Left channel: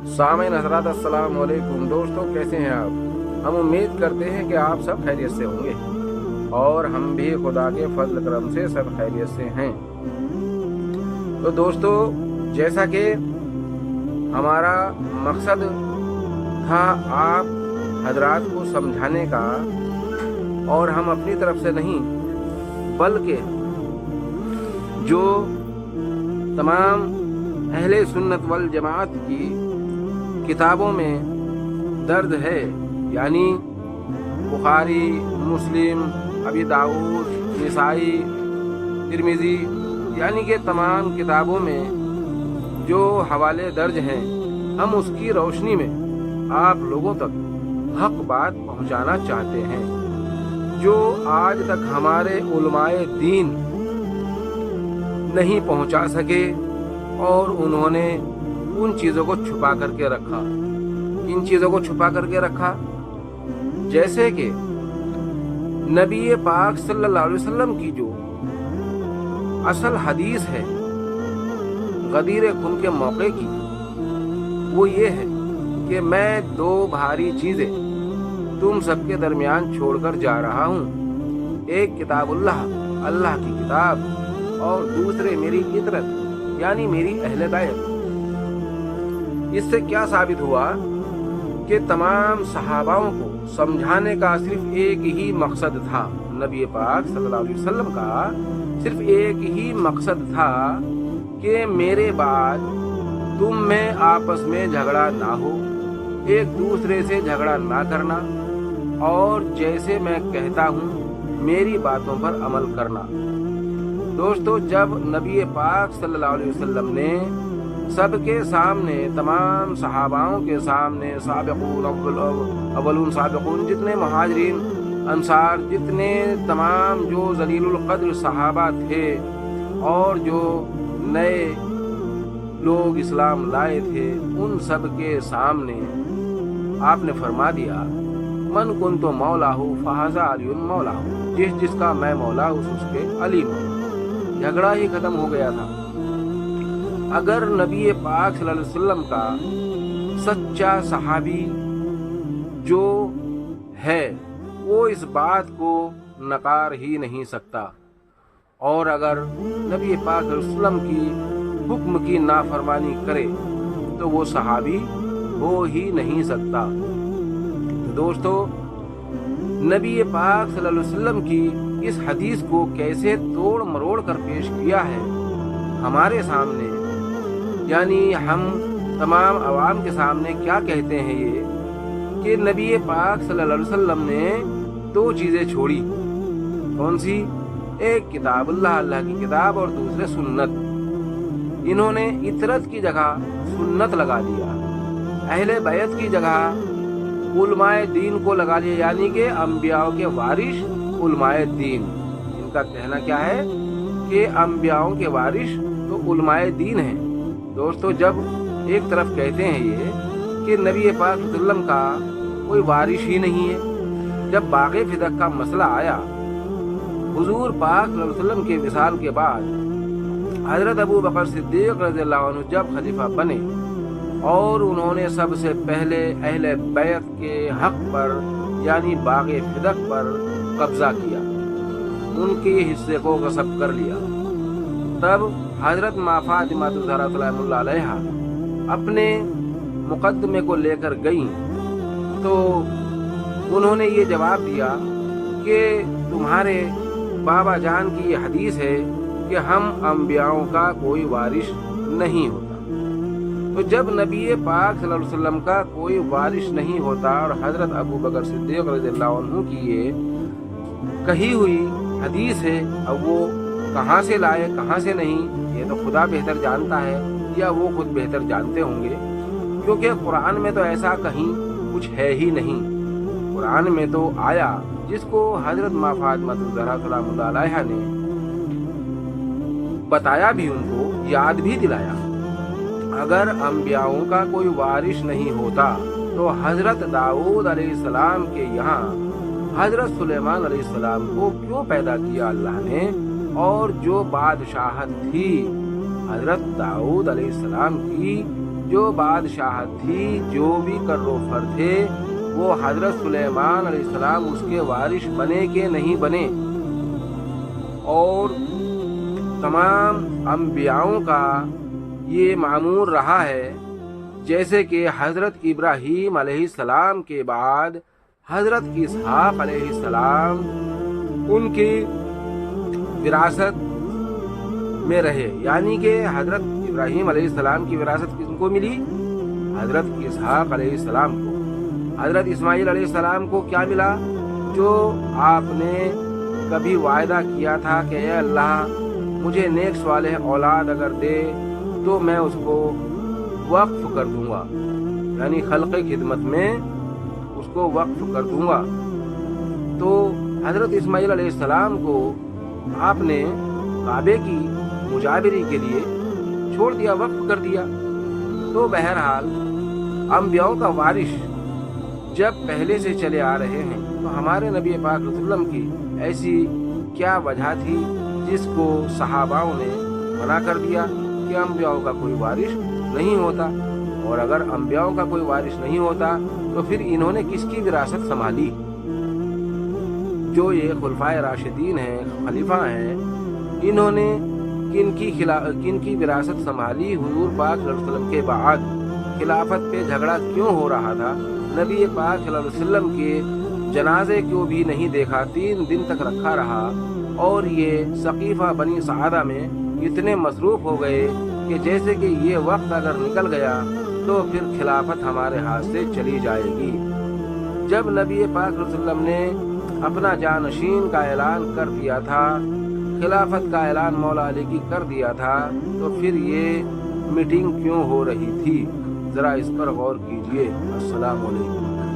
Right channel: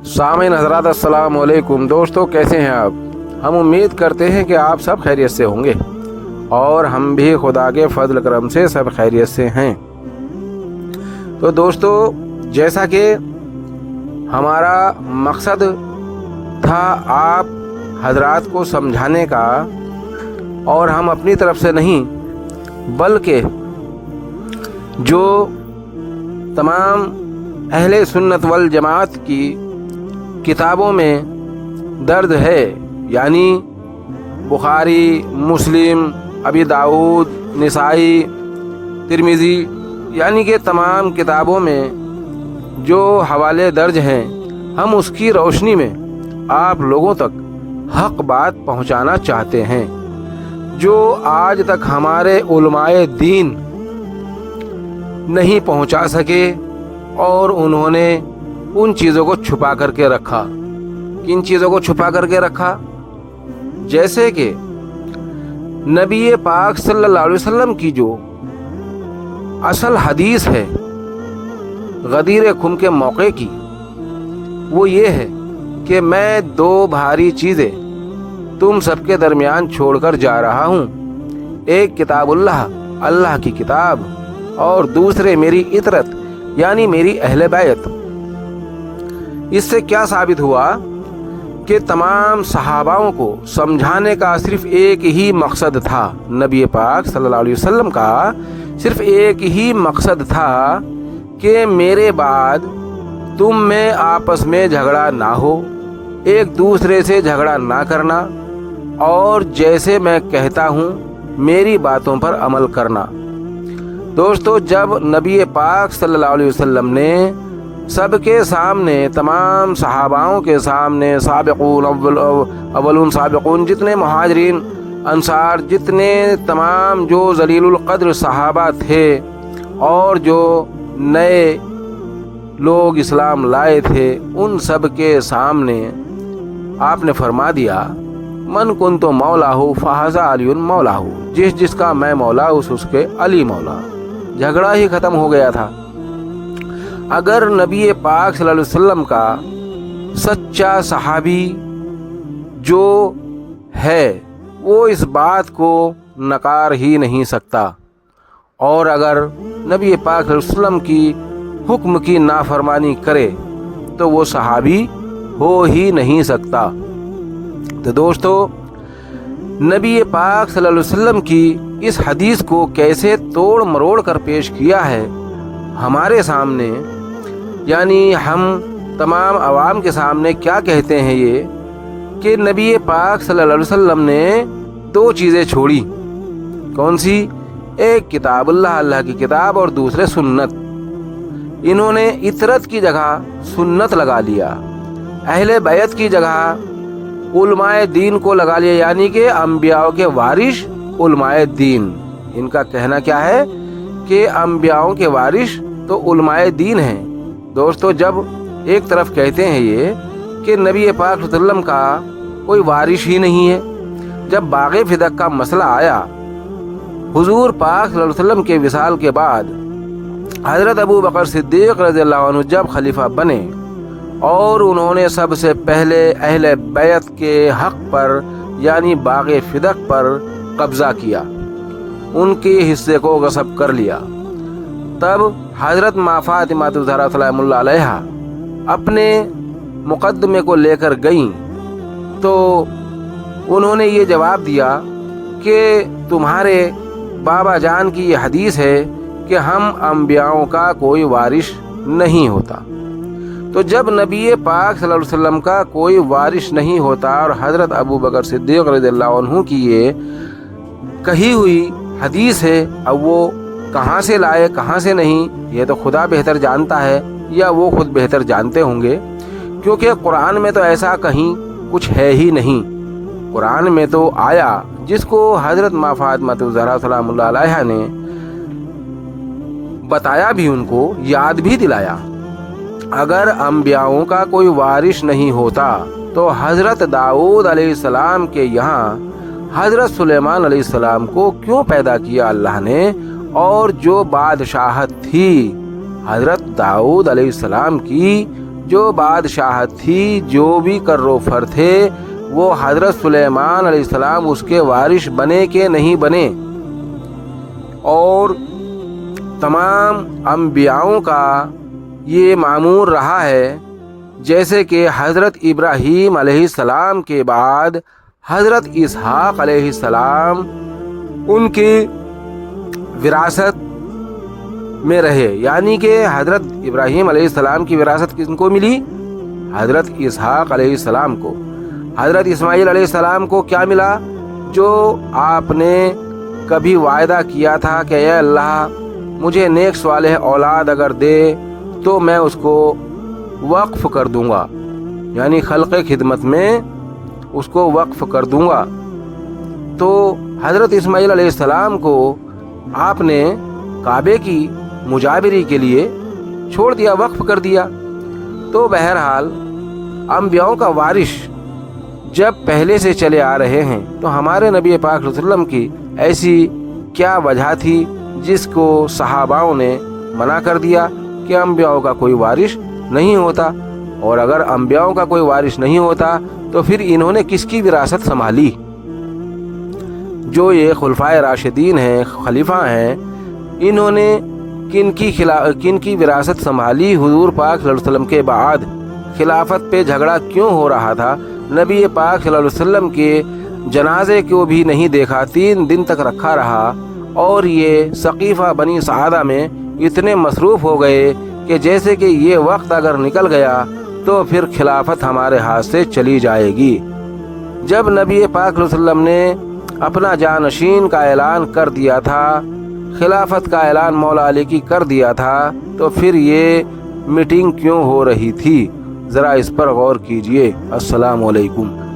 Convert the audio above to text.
सामीन हज़रात अस्सलाम वालेकुम। दोस्तों, कैसे हैं आप? हम उम्मीद करते हैं कि आप सब खैरियत से होंगे और हम भी खुदा के फजल करम से सब खैरियत से हैं। तो दोस्तों, जैसा कि हमारा मकसद था आप हजरात को समझाने का, और हम अपनी तरफ से नहीं बल्कि जो तमाम अहले सुन्नत वल जमात की किताबों में दर्द है, यानी बुखारी, मुस्लिम, अबी दाऊद, निसाई, तिरमिज़ी, यानी कि तमाम किताबों में जो हवाले दर्ज हैं, हम उसकी रोशनी में आप लोगों तक हक बात पहुंचाना चाहते हैं, जो आज तक हमारे उलमाए दीन नहीं पहुंचा सके और उन्होंने उन चीज़ों को छुपा करके रखा। किन चीज़ों को छुपा करके रखा? जैसे कि नबी पाक सल्लल्लाहु अलैहि वसल्लम की जो असल हदीस है गदीर खुम के मौके की, वो ये है कि मैं दो भारी चीज़ें तुम सबके दरमियान छोड़कर जा रहा हूँ। एक किताबुल्लाह, अल्लाह की किताब, और दूसरे मेरी इतरत यानी मेरी अहले बैत। इससे क्या साबित हुआ कि तमाम सहाबाओं को समझाने का सिर्फ एक ही मकसद था। नबी पाक सल्लल्लाहु अलैहि वसल्लम का सिर्फ एक ही मकसद था कि मेरे बाद तुम में आपस में झगड़ा ना हो, एक दूसरे से झगड़ा ना करना, और जैसे मैं कहता हूँ मेरी बातों पर अमल करना। दोस्तों, जब नबी पाक सल्लल्लाहु अलैहि वसल्लम ने सबके सामने, तमाम सहाबाओं के सामने, साबिक़ून अव्वलून साबिक़ून, जितने मुहाजिरीन अंसार, जितने तमाम जो ज़लीलुल क़द्र सहाबा थे और जो नए लोग इस्लाम लाए थे, उन सब के सामने आपने फरमा दिया, मन कुन्तु मौलाहु फ़हाज़ा अलीयुन मौलाहु, जिस जिसका मैं मौला उसके अली मौला। झगड़ा ही ख़त्म हो गया था। अगर नबी पाक सल्लल्लाहु अलैहि वसल्लम का सच्चा सहाबी जो है वो इस बात को नकार ही नहीं सकता, और अगर नबी पाक सल्लल्लाहु अलैहि वसल्लम की हुक्म की नाफरमानी करे तो वो सहाबी हो ही नहीं सकता। तो दोस्तों, नबी पाक सल्लल्लाहु अलैहि वसल्लम की इस हदीस को कैसे तोड़ मरोड़ कर पेश किया है हमारे सामने, यानी हम तमाम आवाम के सामने क्या कहते हैं ये कि नबी पाक सल्लल्लाहु अलैहि वसल्लम ने दो चीज़ें छोड़ी। कौन सी? एक किताबुल्लाह, अल्लाह की किताब, और दूसरे सुन्नत। इन्होंने इतरत की जगह सुन्नत लगा लिया, अहले बैत की जगह उलमाए दीन को लगा लिया, यानी कि अंबियाओं के वारिस उलमाए दीन। इनका कहना क्या है कि अंबियाओं के वारिस तो उलमाए दीन हैं। दोस्तों, जब एक तरफ कहते हैं ये कि नबी पाक सल्लल्लाहु अलैहि वसल्लम का कोई वारिस ही नहीं है, जब बाग़े फिदक का मसला आया, हुजूर पाक सल्लल्लाहु अलैहि वसल्लम के विसाल के बाद हज़रत अबू बकर सिद्दीक़ रज़ियल्लाहु अन्हु जब खलीफा बने और उन्होंने सबसे पहले अहले बैत के हक़ पर यानी बाग़े फिदक पर कब्ज़ा किया, उनके हिस्से को गस्ब कर लिया, तब हज़रत माँ फ़ातिमा ज़हरा सलामुल्लाह अलैहा अपने मुक़द्दमे को लेकर गईं, तो उन्होंने ये जवाब दिया कि तुम्हारे बाबा जान की ये हदीस है कि हम अंबियाओं का कोई वारिस नहीं होता। तो जब नबी पाक सल्लल्लाहु अलैहि वसल्लम का कोई वारिस नहीं होता और हज़रत अबू बकर सिद्दीक़ रज़ियल्लाहु अन्हु की ये कही हुई हदीस है, अब वो कहाँ से लाए कहाँ से नहीं, ये तो खुदा बेहतर जानता है, या वो खुद बेहतर जानते होंगे, क्योंकि कुरान में तो ऐसा कहीं कुछ है ही नहीं। कुरान में तो आया जिसको हज़रत माँ फ़ातिमा ज़हरा सलामुल्लाह अलैहा ने बताया भी, उनको याद भी दिलाया। अगर अंबियाओं का कोई वारिस नहीं होता तो हज़रत दाऊद अलैहिस्सलाम के यहाँ हज़रत सुलेमान अलैहिस्सलाम को क्यों पैदा किया अल्लाह ने, और जो बादशाहत थी हज़रत दाऊद अलैहिस्सलाम की, جو بادشاہت تھی، جو بھی کر و فر تھے، وہ حضرت سلیمان علیہ السلام اس کے وارث بنے کہ نہیں بنے۔ اور تمام انبیاؤں کا یہ معمول رہا ہے، جیسے کہ حضرت ابراہیم علیہ السلام کے بعد حضرت اسحاق علیہ السلام ان کی وراثت میں رہے، یعنی کہ حضرت ابراہیم علیہ السلام کی وراثت کس کو ملی؟ حضرت اسحاق علیہ السلام کو۔ حضرت اسماعیل علیہ السلام کو کیا ملا؟ جو آپ نے کبھی وعدہ کیا تھا کہ اے اللہ مجھے نیک صالح اولاد اگر دے تو میں اس کو وقف کر دوں گا، یعنی خلق خدمت میں اس کو وقف کر دوں گا۔ تو حضرت اسماعیل علیہ السلام کو آپ نے کعبے کی مجابری کے لیے چھوڑ دیا، وقف کر دیا۔ تو بہرحال انبیاؤں کا وارث جب پہلے سے چلے آ رہے ہیں تو ہمارے نبی پاک صلی اللہ علیہ وسلم کی ایسی کیا وجہ تھی جس کو صحاباؤں نے منع کر دیا کہ انبیاؤں کا کوئی وارث نہیں ہوتا؟ اور اگر انبیاؤں کا کوئی وارث نہیں ہوتا تو پھر انہوں نے کس کی وراثت سنبھالی؟ جو یہ خلفائے راشدین ہیں، خلیفہ ہیں، انہوں نے کن کی وراثت سنبھالی؟ حضور پاک صلی اللہ علیہ وسلم کے بعد خلافت پہ جھگڑا کیوں ہو رہا تھا؟ نبی پاک صلی اللہ علیہ وسلم کے جنازے کو بھی نہیں دیکھا، 3 دن تک رکھا رہا، اور یہ ثقیفہ بنی سعادہ میں اتنے مصروف ہو گئے کہ جیسے کہ یہ وقت اگر نکل گیا تو پھر خلافت ہمارے ہاتھ سے چلی جائے گی۔ جب نبی پاک صلی اللہ علیہ وسلم نے اپنا جانشین کا اعلان کر دیا تھا، خلافت کا اعلان مولا علی کی کر دیا تھا، تو پھر یہ میٹنگ کیوں ہو رہی تھی؟ ذرا اس پر غور کیجئے۔ السلام علیکم۔